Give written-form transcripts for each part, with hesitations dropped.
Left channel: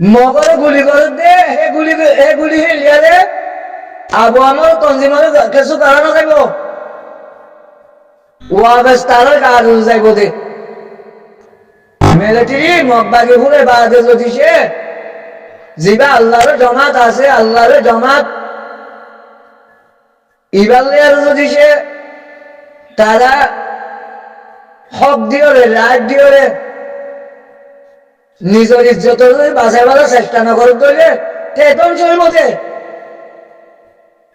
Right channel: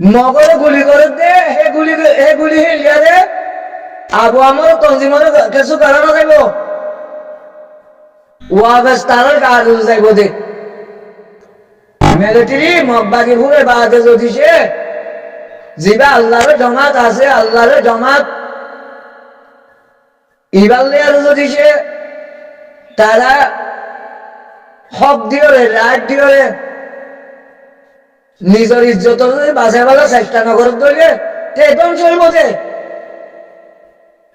মগরে গুলি করে দে হে গুলি হিলিয়া দে আবু আমার তঞ্জিমানে কিছু কারণ যাইব ওয়াবেস তারা কাজ যাইব দে মিলিটারি মগবাগি ঘুরে বাদে যদি সে জিবা আল্লাহর জমাত আছে আল্লাহর জমাত ইবালে আর যদি সে তারা হক দিওরে রাত দিওরে নিজের ইজ্জত যদি বাঁচাই বাজার চেষ্টা নগর দিলে তেতন চলব যে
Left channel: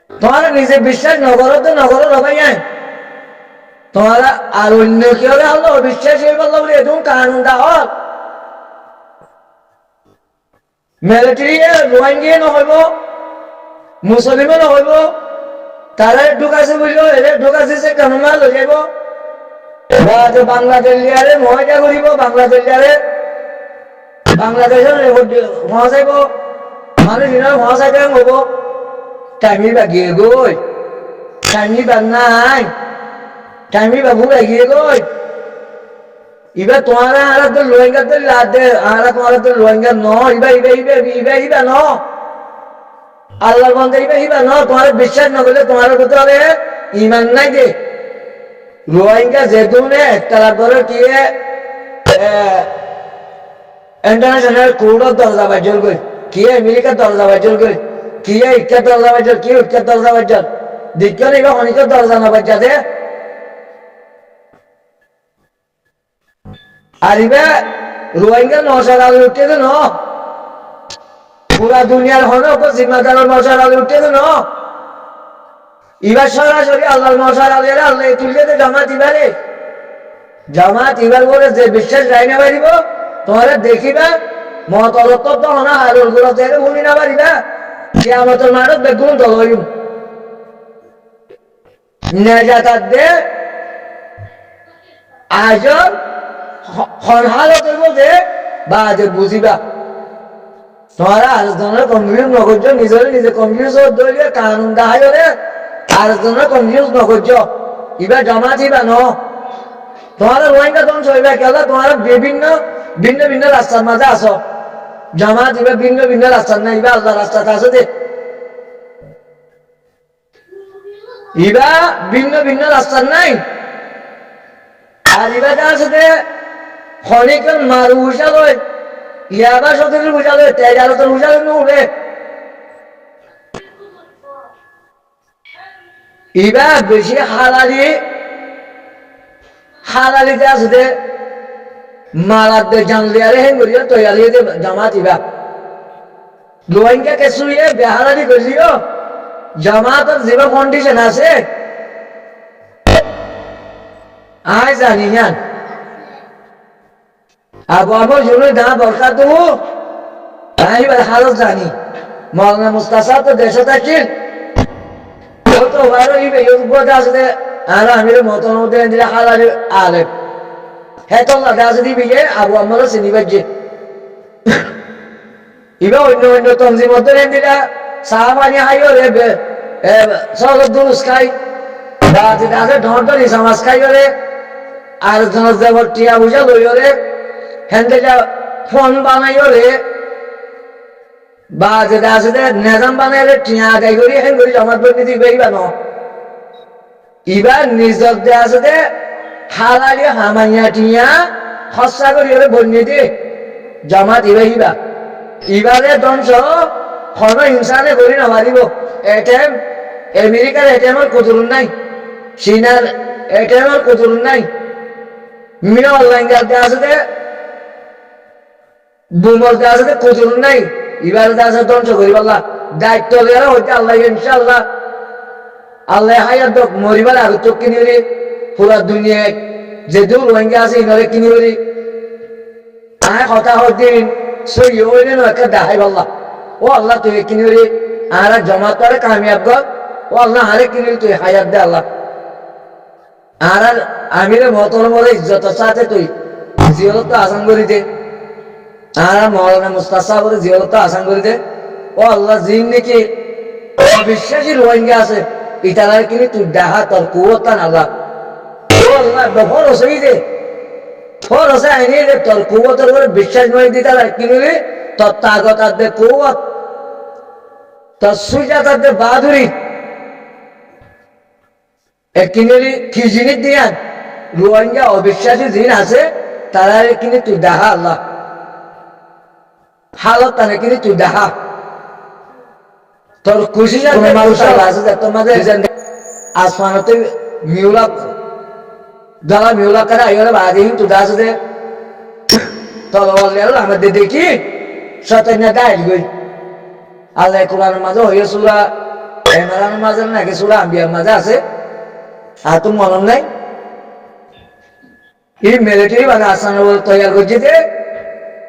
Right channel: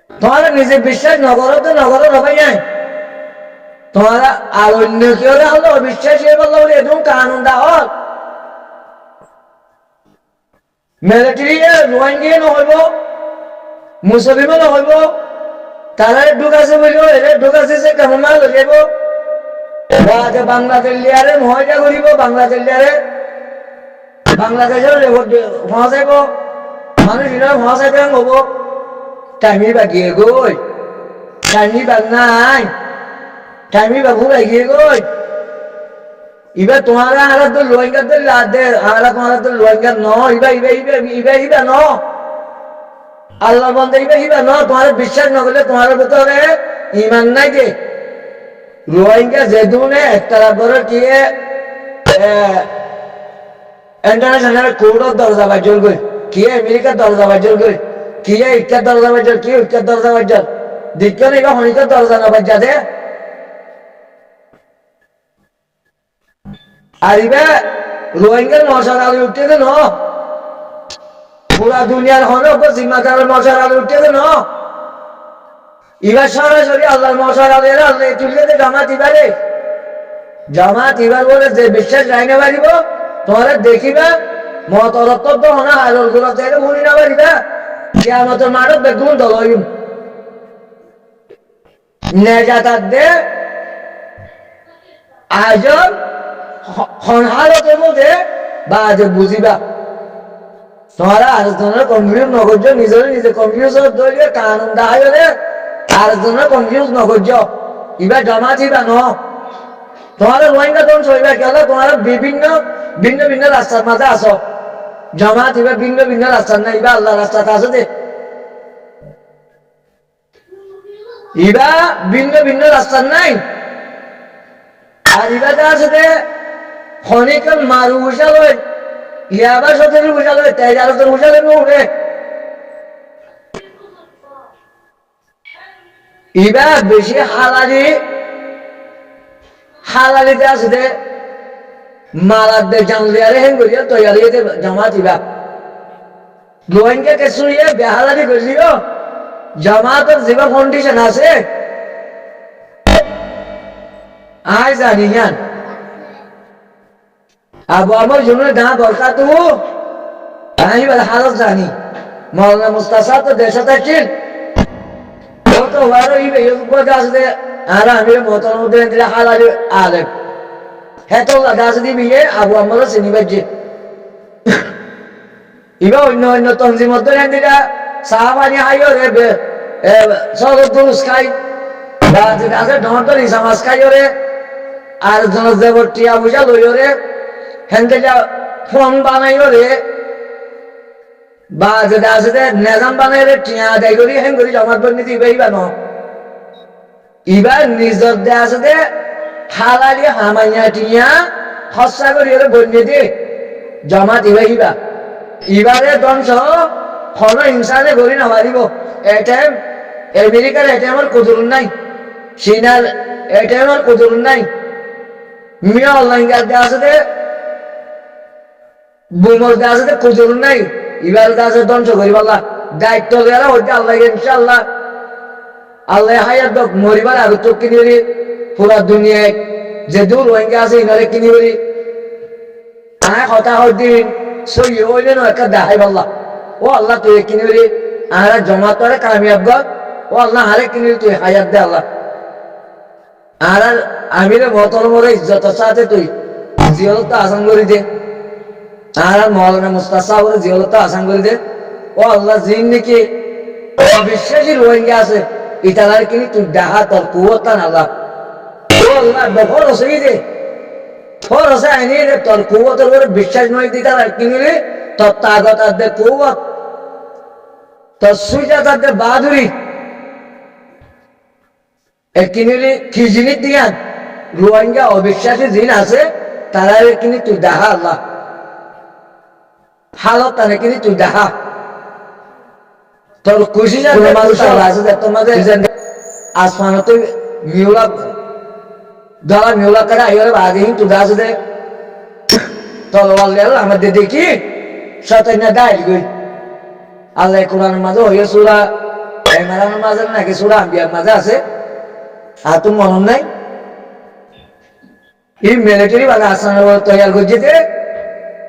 তোমার নিজে বিশ্বাস নগর হবাই নাই তোমার আর অন্য কি হলে হলো বিশ্বাস হয়ে বললো বলে এরকম কানুন দা হল মিলিটারি রোহিঙ্গিয়ে নহইব মুসলিমও নহইব তারা ঢুকাছে বলিও এলে ঢুকাছে সে কেমন মাল হয়ে যাব বাংলাদেশ লিয়ারে মহাজা করিব বাংলাদেশ লিয়ারে বাংলাদেশের ভোঁয়া যাইব মানুষ ভোঁয়া যাইতে হব টাইমি বাগিয়ে গই টাইমি বাগ নাই টাইমি বাবু বাগিয়ে গই ইবা তোমার আরা তো রোহিঙ্গার তো লাদ দে আরা তোমার তো রোহিঙ্গা ন ইবা ন আল্লাহ বন্ধে ইবা ন তোমার বিশ্বাস ন করলে তোমার ভিতরে ইমান নাই যে রোহিঙ্গা যে দুনে একটা ধরে কি इंटरनेशनल कोर्ट ऑफ दर्जा बाजल गई किए अमेरिका दर्जा बाजल गई किए इक्का दर्जा बाजल किए इक्का दर्जा बाजल दिक्कत नहीं होने का दर्जा ना बच जाते अरे रोहिंग्या नौशर आलू उठते थे ना पूरा दुनिया होने को जिम्मेदार नौशर आलू उठते थे ना इबार सरासरि अल्लाह नौशर आलू यार अल्लाह तुल्ले थे जमात इबार बोले जे विश्वास राइने बारी बो তোমার দেখিবা মতরত্ব হনা হারুর গুড়া থেকে ভুলি না পারিবা কিয়ামতের মাঠত বেগুন দলইম নেজাতার দে আজন হনহালতের মধ্যে বাজে বুঝিবা তোমারা আরেকজনের কনফিউজ নকরছ নিজে কনফিউজ দলীয় কানুন দাহাইলে আরেকজনের কনফিউজ নকরছ ইবা জমা থিবা ন তোমারা রোহিঙ্গা ধ্বংস হইবা কেলা তোমারা বিভিন্ন ভিন্ন ভিন্ন রাস্তার মাঝে আসো জামাত ইবা ভিন্ন ভিন্ন রাস্তার না ইবা আল্লাহ রাস্তাতে আসো দে ইবা ভিন্ন ভিন্ন রাস্তার নাই আর ইবাতে আছে দে খনিকল মারু উশালয় ইয়াবা সতের উশালয় তেজারতের উশালয় নুরে ইবা বেশি হালালিতে আছে দে মারাদ দে জানলে আরে হেঙ্গরিয়া তৈরি হয়েছে জামাত ইবা রোহিঙ্গা কেসুইয়ে বেহালাদি করলিও জামাতের যেবা কন্ডিশন আছে আই জানি না আবু আমার জন্য না দরকার তো আমি হালত জানি মৌলানা মুস্তাসা তো দেশে থাকছেন তো বাইরে ইবে ইউপদে আছে আর আমির মতন মধ্যে দিলে হালালি আলেম হেতো দাস দিবি আবু আমারও চিনি পাচ্ছে ইবা অন্য তঞ্জিম দিলা চাহ পানী খাইও রে চলত দুৰুচ খাই বা যেটা আছে ধর ইসামাজ খাইও রে আর জনত যাব টিয়া বুঝা লইও রে হেনতে যা ফোন বানাইও রে বা যেটা আছে নেজাম বানাই রে টিয়া আদায় করি হেন করি জমাত বন্যি দিবে ইবা ন ইবা নিজর দে আছে দে হালালি হামাইয়া টিয়া হস্যা করি ওরে বন্যি দে জমাত ইবা ইবারে ধ্বংস কোনো ইনসানে করি না পারিব এটিএম আমেরিকার এটিএমের কদরুন নাই চীনার এটিএমের কদরুন নাই মিয়া অনলাইন দে আছে দে বুমর দে আছে দে কদরুন নাই ইবারে দে আছে ধ্বংস করি পাল্লা দায়িত্ব দেওয়া হইতে আল্লাহ ইনশাআল্লাহ আল্লাহ হায়াত দক মরিবার আগত তো কিনি হরি পুরা দুনিয়ায় যে দূর রোহিঙ্গা আছে ইনারে কিনি হরি আয় কথা হদিন সই হইলে না একটা দেখাই পাল্লা ও আল্লাহ তুই কিনি হরি আর জমা তো আরে কামিয়াব গ ও আল্লাহ হারে কিনি তুই হায়াত দে আল্লাহ আর আমিরে মতর মরে ইজ্জত সাথে তুই জিয়ালত আসান করি দে আর মৌলানা মুস্তাসা বলে জিয়ালত আসান করি দে ও আল্লাহ জিন নাকি অবিশ্বাসী রোহিঙ্গা আছে ইতালার কিনি তুই দেখা তোর কুয়তান আল্লাহ ও আল্লাহ বহর হসই দে ফর হসে আইনি দে তোর কুয়তের উপরে বিশ্বাস নয় দি তারা কিনি রে তত্ত্বাগতাদের কৌয়ত তৎসুজাতাদের বাহাদুরি একিনেরি কি জিনিস দিয়ান রোহিঙ্গা অবিশ্বাসী জিন আছে তারা কিনে তুই দেখা আল্লাহ হালত তানে কিনে তুই দেখা তোর খুশি যাতে মানুষ আছে তোমাদের আসমানতে মিউলা ধরা মিউলা করে আইরে বাদিন তুই দাস দে তলওয়াল লেল আমাদের দেখি শয়তান দাইল গই আল্লাহ কোরআনের মাঝে হইয়া সূরা ইমরানের মাঝে নাকি সূরা আম্বিয়ার মাঝে আছে আর তুমি মনে নাই এই মিলিটারি বানা আসান তৈয়ার করছে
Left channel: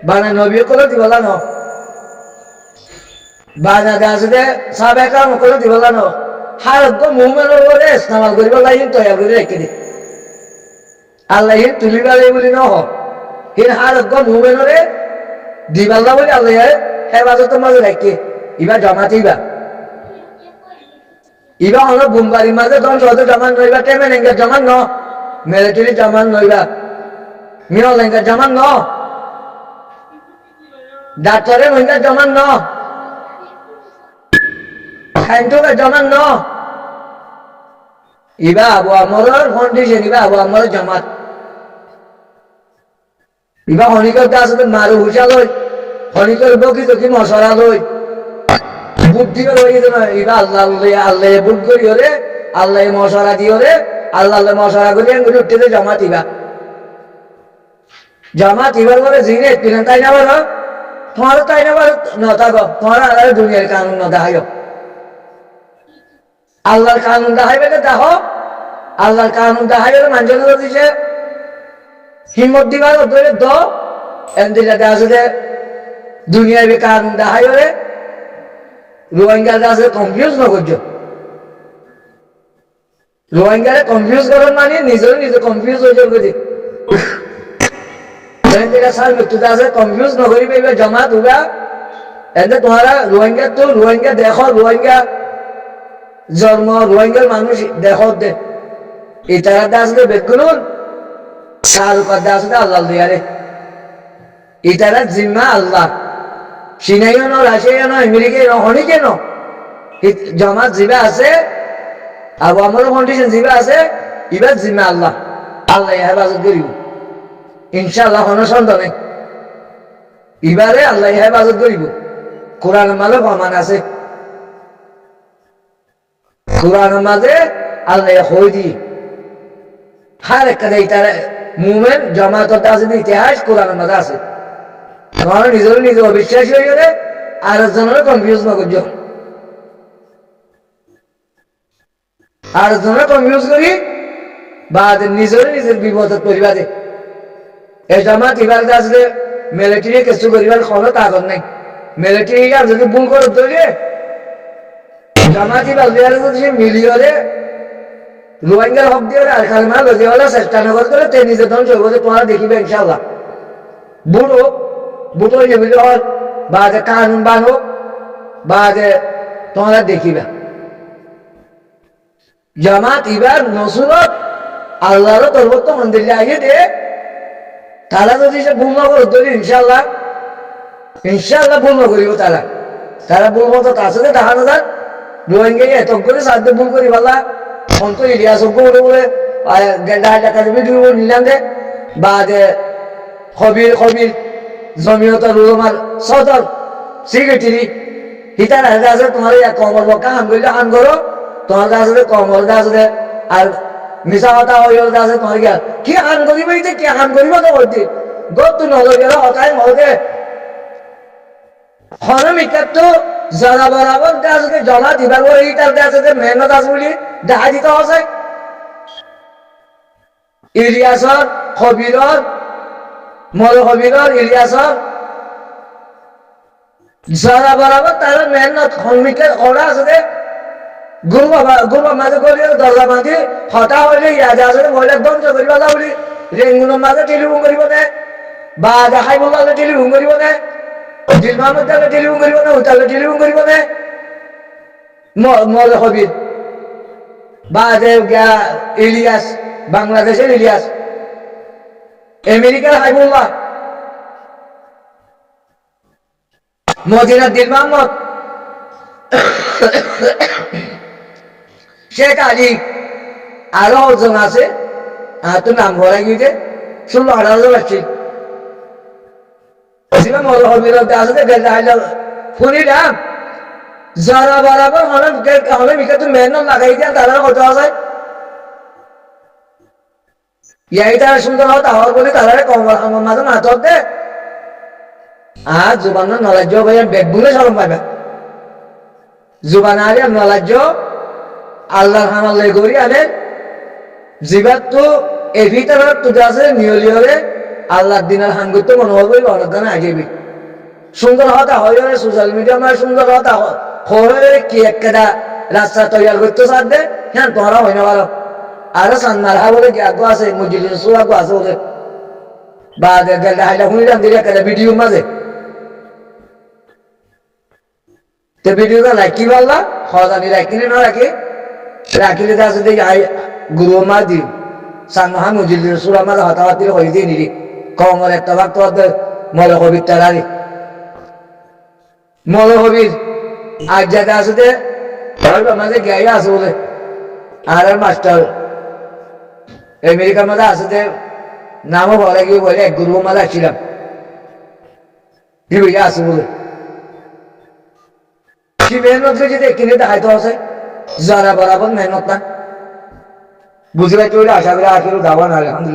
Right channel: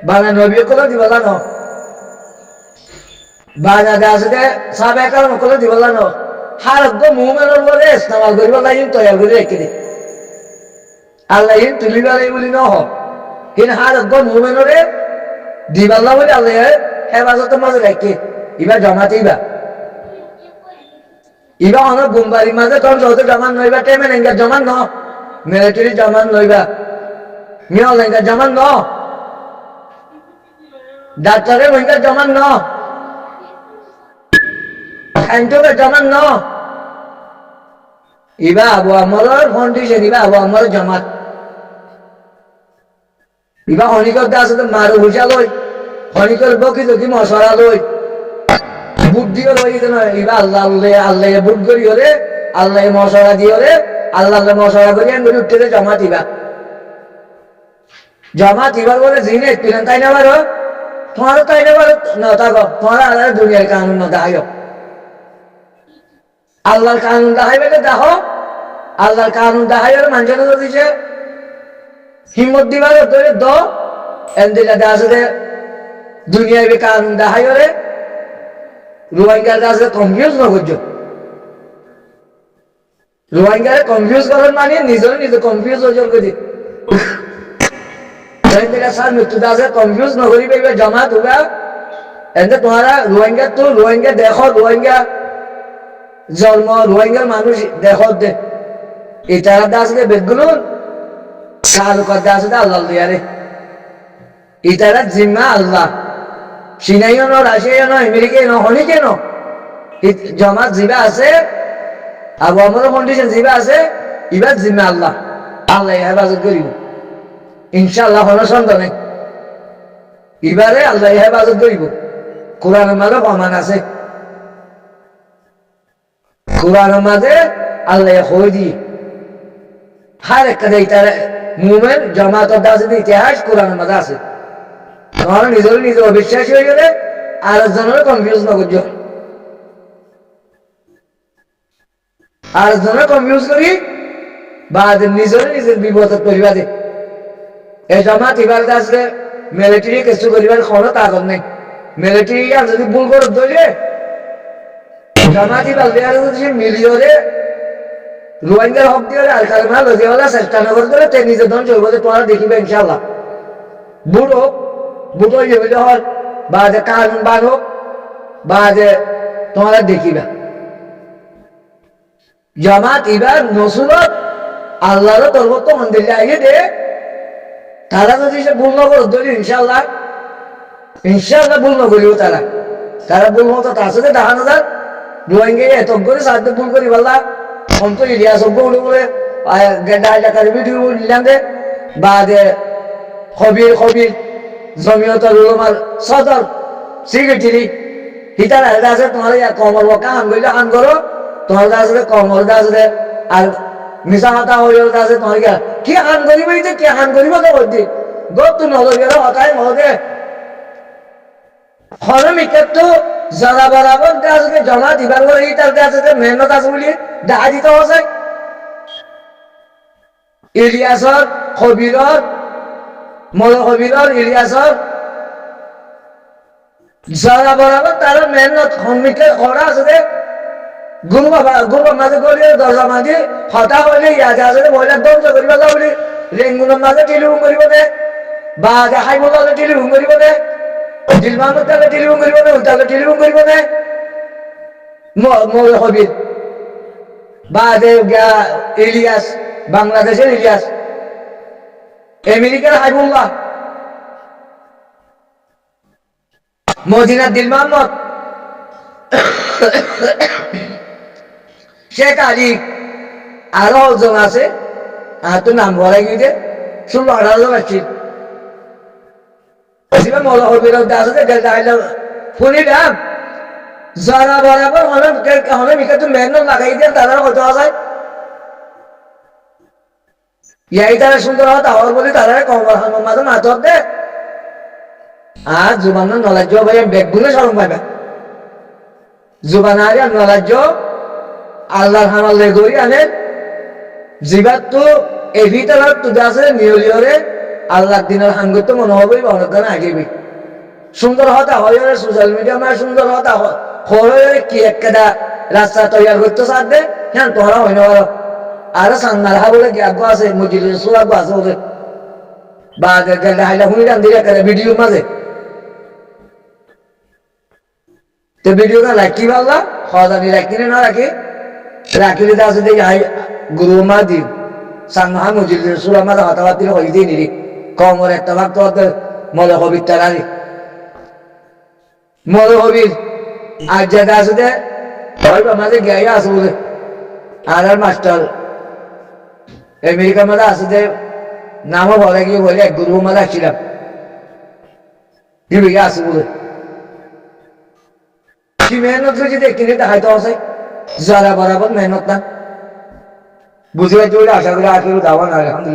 বানা নবী করে দিবলা ন বানা দাসে সাবে কাম করে দিবলা ন হারগ মুমেনের ওরে ইসলামাল করিব লাইন তৈয়ার করে রেখে দি আল্লাহ ইন তুলিবালে বলি ন হিন হারগ মুমেনরে দিবাল্লা বলি আল্লাহ হেফাজতের মাঝে রেখে ইবা জমাতেইবা ইবা অনেক বুমবাড়ির মাঝে ধ্বংস হতে জমান নইবা টেমে নেঙ্গা জমান ন মিলিটারি জমান নইবা মিয়াল নেঙ্গা জমান ন ডাক্তারে মহিঙ্গা জমান ন খাইন্টুকে জমান ন ইবা আবু আমরের কন্ডিশন ইবা আবু আমরের জমাত ইবা হনিকর দাস মারু ভুষা লই হনিকর বকি তকি মশরা লই বুদ্ধিও রয়েছে নয় ইবা আল্লাহ আল্লাহ বুদ্ধ করি ওরে আল্লাহ মশরা দিয়ে ওরে আল্লাহ মশরা করি করে উঠতে জমাত ইবা জামাত ইবার বলে জিনে পিলেন তাই না বারো তোমার তাই না বারো নতা গো তোমার আল্লাহ দুনিয়ার কানুন ন দেখাইও আল্লাহর কানুন দেখাইবে দেখো আল্লাহর কানুন দেখাইলে মানুষের দিছে হিম্মত দিবার ধরে দ এন্দিলা দাসে দুনিয়ায় কানুন দেখাইও রে রোহিঙ্গা দাসে কনফিউজ ন করছো রোহিঙ্গারে কনফিউজ করার মানে নিজে কনফিউজ হয়ে যাবে করি সার মৃত্যু দাসে কনফিউজ ন করি পাইবে জমাত হুবা এতে তোমারা রোহিঙ্গা তো রোহিঙ্গা দেখো রোহিঙ্গা জন্ম রোহিঙ্গার মানুষ দেখো ইতারা দাস দে বেগুন সালুকার দাস দে আল্লাহ দিয়ারে ইতারা জিম্মা আল্লাহ সিনাইও ন রাশিয়াও ন আমেরিকায় ন হনিকে ন জমাত জিবা আছে আবু আমার কন্ডিশন জিবা আছে ইবার জিম্মা আল্লাহ আল্লাহ হেফাজত করিব ইনশাআল্লাহ কোনো সন্দেহ নেই এবারে আল্লাহ হেফাজত করিব কোরআনের মাঝে প্রমাণ আছে কোরআনের মাঝে আল্লাহ হই দিয়ে হার একটা তার মুভমেন্ট জমাতের দাসে ইতিহাস কোরআনের মাঝে আছে তোমার নিজে অবিশ্বাসী হয়ে গেলে আর একজনের কনফিউজ না করছো আর একজনের কনফিউজ করি বা নিজের বিপদত করিবা দে এই জমাত এবার আসলে মিলিটারি কিছু করিবার কোনো তাকত নেই মিলিটারি যদি ভুল করে ধরলে জমাত এবার দেওয়ার মিলিয়রে রোহিঙ্গার হক দিয়ে আর কালমা লজিয়া চেষ্টা না করে দিলে তে নিজে ধ্বংস হইব তোমার দেখিবে ইনশাআল্লাহ বুটো যেগুলি হল বা যে কানুন বান হোক বা যে তোমরা দেখিবা জামাত এবার নসুরত আল্লাহর তরবত মন্দিরে আগে দে তারা যদি সে ভুল না করে ধরি ইনশাআল্লাহ ভুল না করিব তারা ভুল মতো তার সাথে দেখানো যাক রোহিঙ্গা এত করে সাহায্য ভুল করি পাল্লা অন্ত ইলিয়াস বলে বলে ভিডিও নিলাম দে বা যে খবির জমিয়তর উলামার সদর সেক্রেটারি হিতার আছে তোমার কমর বকা হান করলে হান করো তোমার আছে কমর আছে আর মিশা কথা হয়ে আছে তোমার কি হান করিব কি হান করিব তো করতে গত নজর গেল হতাই মহতে হনমিকার তো যারা বরাবর আছে জমা দিবার পরে ইটার আছে যে মেহনত আছে বলি দেখা দিতে হচ্ছে ইলিয়াসর খবিরর খবিরর ইলিয়াসর যারা বরাবর তারা মেহনত হনমিকা করা আছে যে গুরু মাঝে গলিয়ে দরজা মাঝে হতা হইলে ইয়াদে আসলে মহিলার ধ্বংস করিবা যা বলি রেঙ্গুনের মাঝে টেলিফোন করিব নে বা দেখাই বললে টেলিফোন করিব নে দিল মাহমুদ তাহলে টেলিফোন করিব নে তাহলে টেলিফোন করিব নে মরে হবির বা ইলিয়াস বাংলাদেশের ইলিয়াস আমেরিকার হাইবুল্লাহ মদিনার দিন মোহাম্মদ শেখ আলী আরো জন আছে আর তো নাম ভরা গিয়ে 16-18 জন আসছিল মজা হবির আছে শুনিলাম যারা বরাবর হলে মিকে তো মেহনত লাগাই দিয়ে তারা কত যায় ইয়াই তারা সুন্দর হওয়া তাহর বলি তারা কমল হামের মাঝে মাথর দে আর জুবান নলাজ্য ভাই বেগ বুলে সরম পাইবা জুবান আর নলাজ্য আল্লাহর হামাল্লে করি আনে জিবাত তো এভিতার তো আছে নিয়লিয়রে আল্লাহর দিনের হান করতে মনে হবে অনেক গানে আগেবি সুন্দর হতা হয় সোশ্যাল মিডিয়া মানে সুন্দর হতা হয় কি একটা রাস্তা তৈরি করতে চার দে হ্যাঁ তোমরা হয় না পারো আরো সান্নার হা বলে গ্যাগ আছে মসজিদের সোলাগ আছে ওদের বা গেলে হাইলা শুনি রান দিয়ে একটা ভিডিও মাঝে তো ভিডিওটা লাইক কি পারলা খরদানি লাইক কিনে না রাখি রাখিলে আছে দেখি হাই গুরু মা দিন সান্নাহা মসজিদের সুরা মাঝে হতাবাতির হয়ে দিয়ে নিরি কমর একটা ভাগ তো মল কবির তারারি মল কবির আর যাতে আছে যে মাঝে গিয়ে আছে বলে আর মাস্টার আমেরিকার মধ্যে আছে যে নামও ভরা গিয়ে বলে এক গুরু মাঝে আসছিলাম দিবিকে আছে বলে কি মেহনত যদি কিনে দেখাইতে আছে যারা বরাবর মেহনত না বুঝি পাইতে বলে আশা করে আখেরও দাওয়ান আলহামদুলিল্লাহ